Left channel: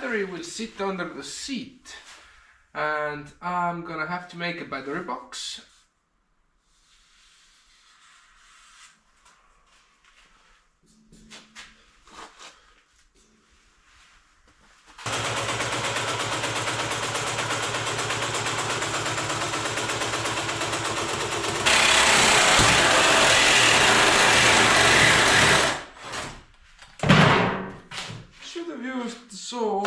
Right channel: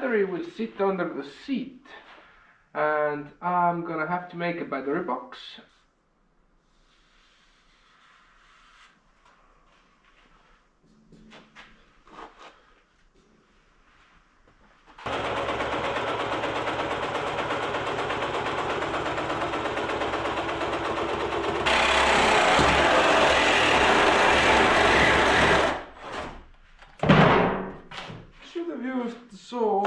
battery will sit under the seat, and I'm gonna have to make a battery box. Should have used the saw.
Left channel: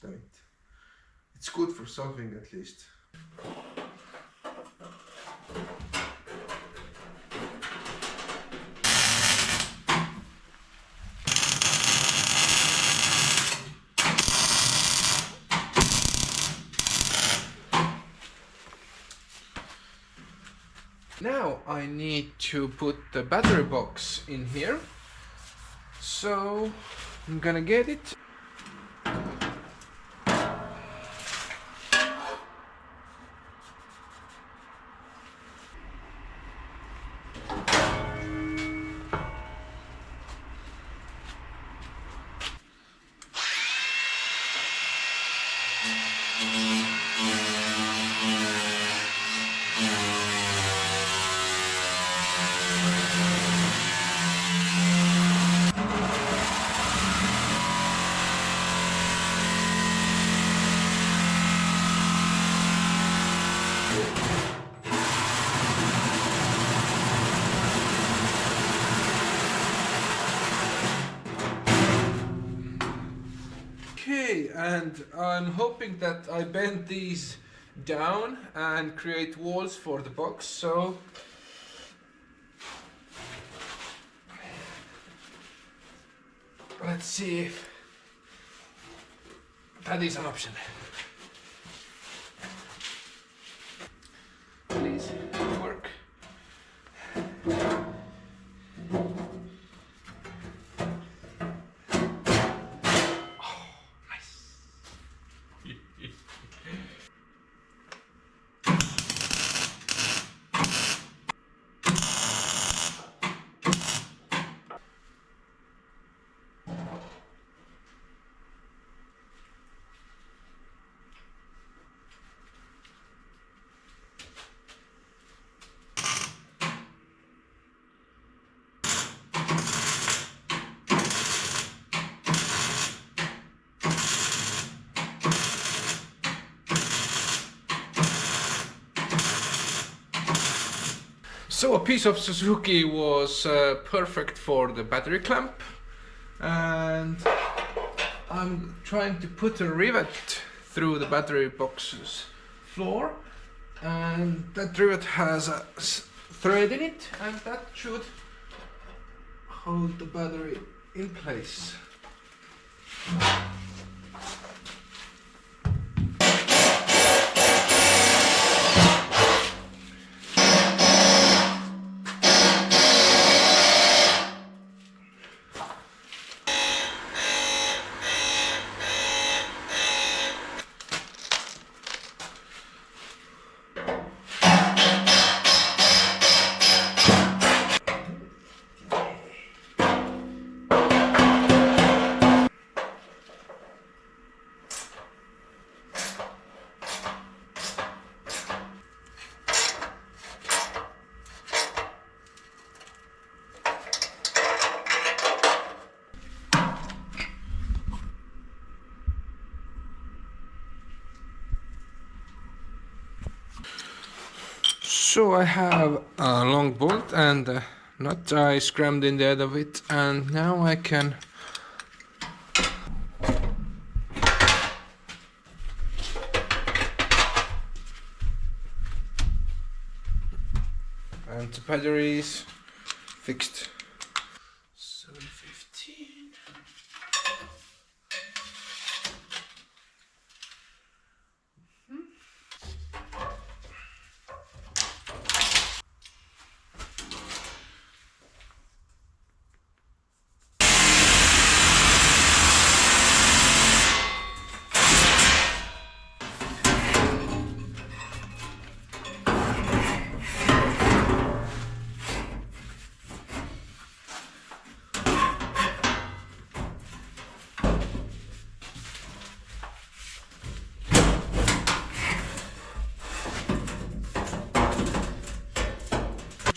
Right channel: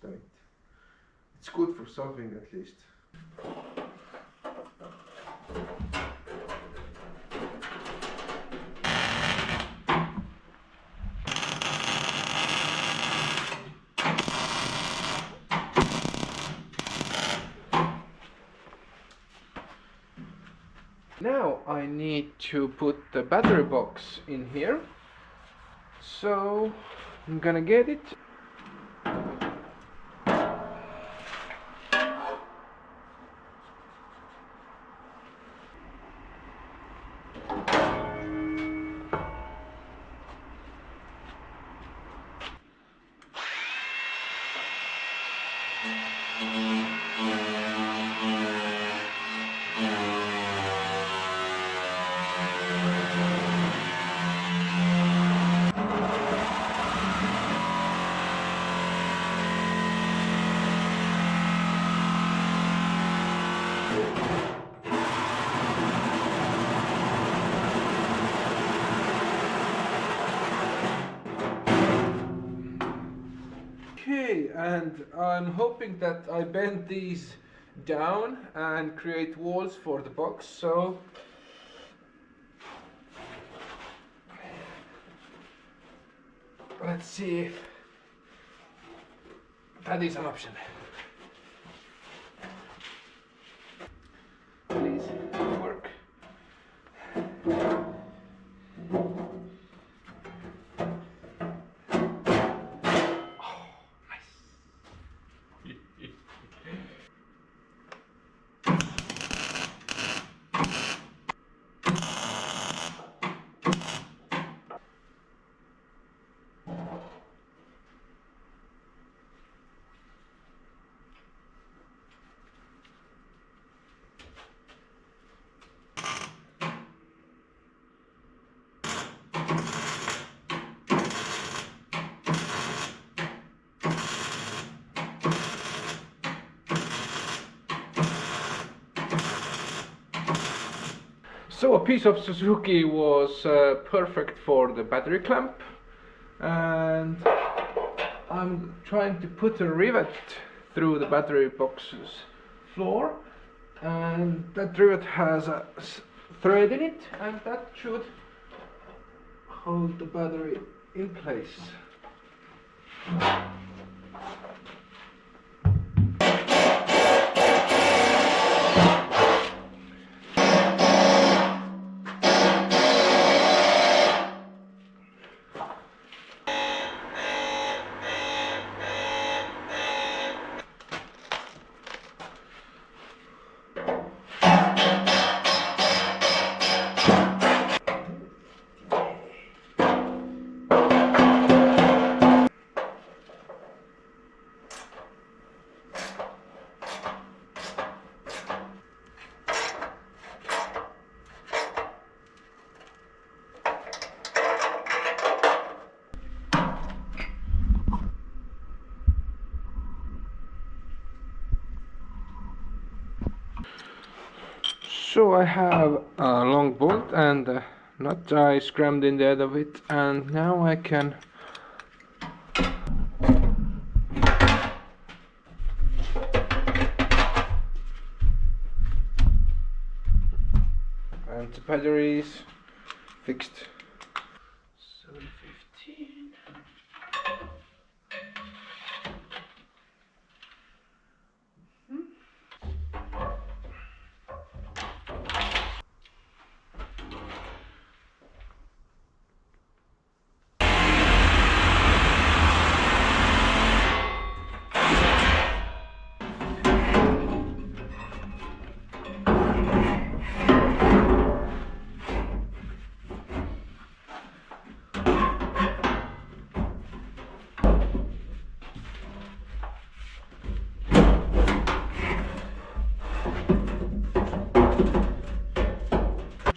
Damn it. It's good for something at least. Now I need to put the battery box in here, so I'm gonna get it. Okay, and I'm hoping that I bend these down and create walls for the box, so let's see if that is an option. Please work. So a piece of Suzuki was perfect for the battery clamp, and I'm trying to put a rivet through the battery box's floor, and that rivet has a thread in it, and that should hold the battery in place. So I have a long bolt and a nut I scrammed in the end of it, and now I can and the battery is fixed. 715.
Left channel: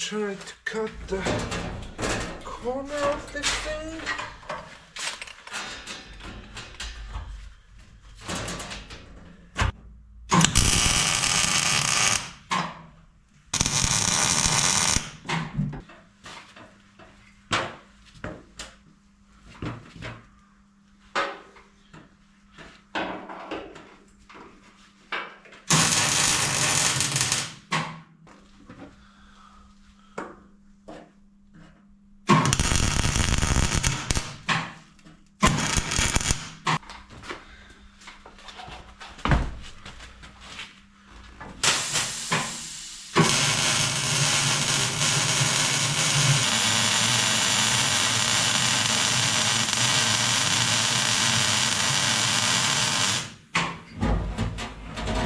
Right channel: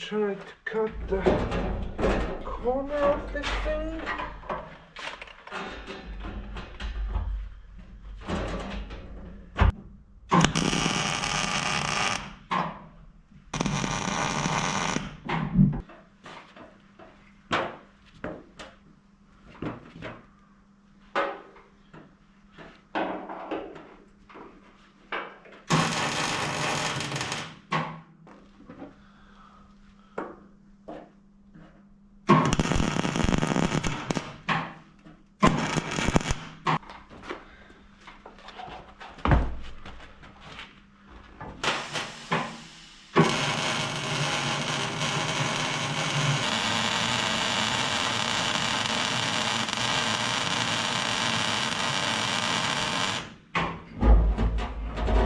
try to cut the corner of this thing.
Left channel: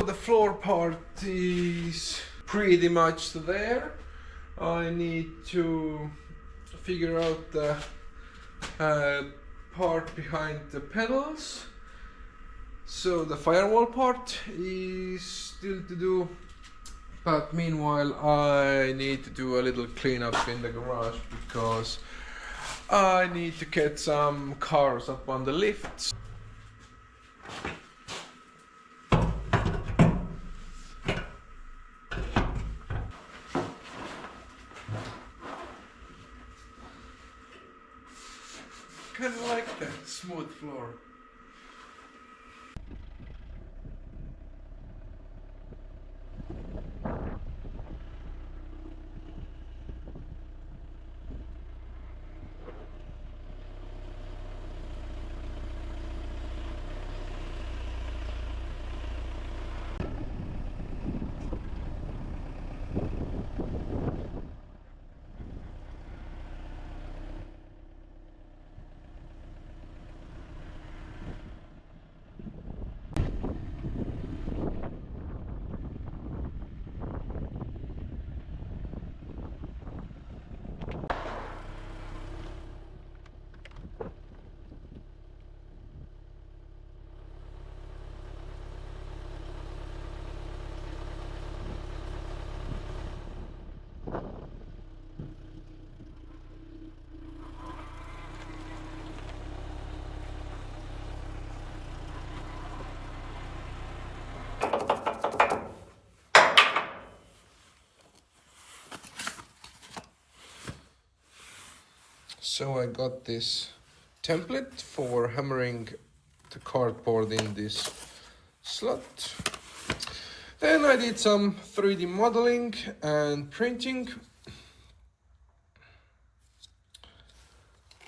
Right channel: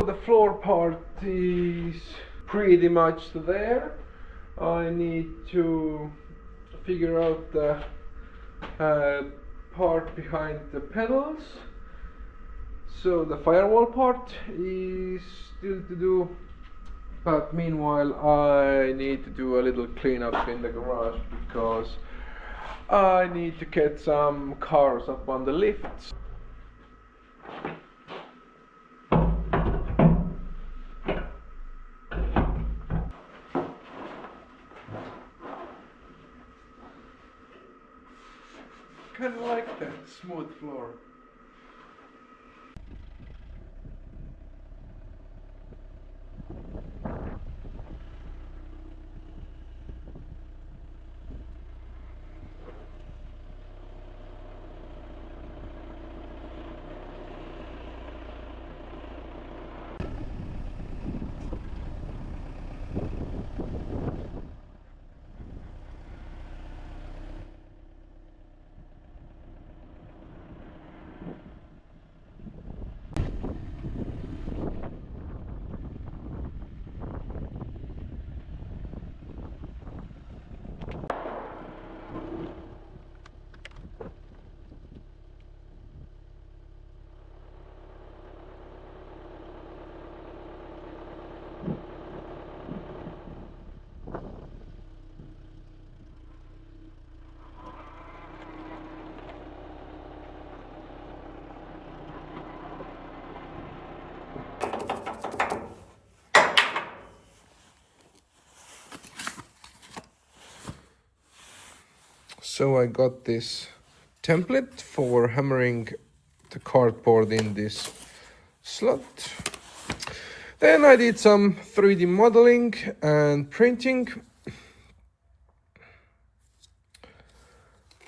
The floor part is pretty much there. I need to figure out the part behind the pedals. So the firewall part is still to do, but meanwhile I need to do a little cleanup in the garage because I need to get some cars up on the lifts. Kind of like that smooth floor. So I got this template for hammering the cardboard in this slot. Then I did some 3D modeling and printing.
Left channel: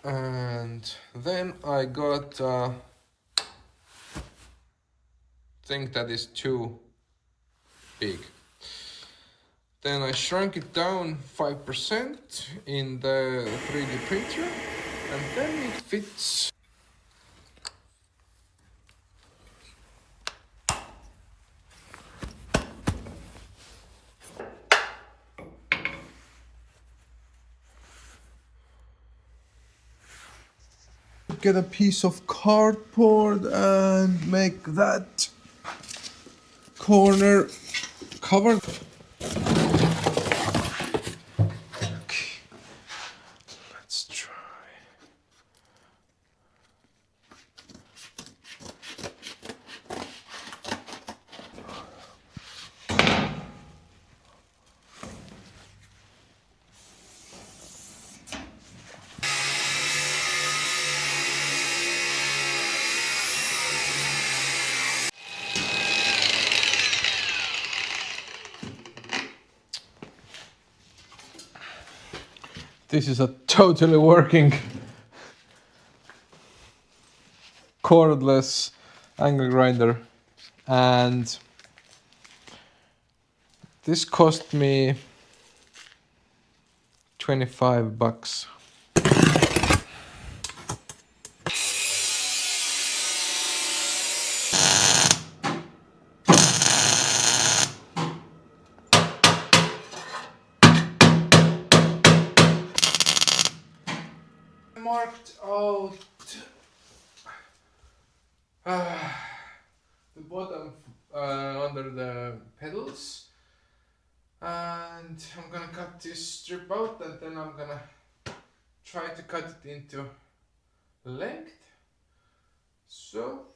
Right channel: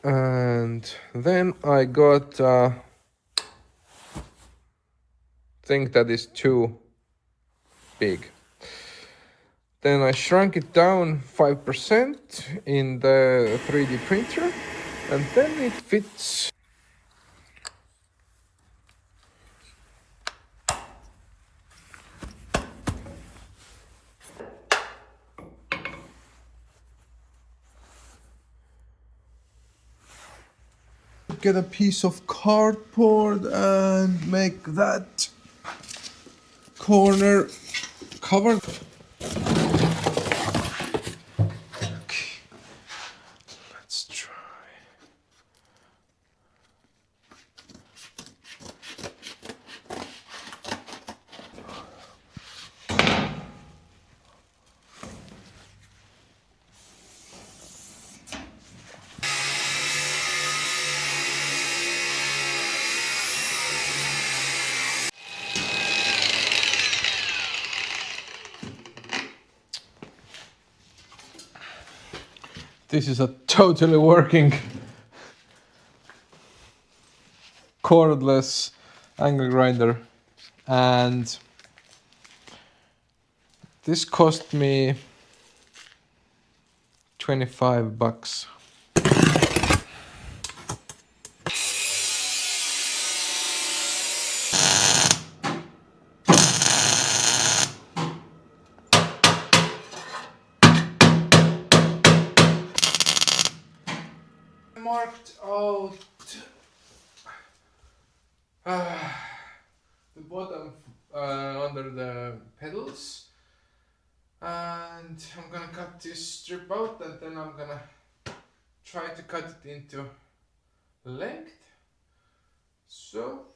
And then I got a thing that is too big. Then I shrunk it down 5% in the 3D printer, and then it fits. Get a piece of cardboard and make that corner covered. Okay, let's try. This is a totally working cordless angle grinder, and this cost me $25. Marked out the bottom under the pedals, And I'm gonna cut this strip out, and then I'm gonna try to cut it into length. So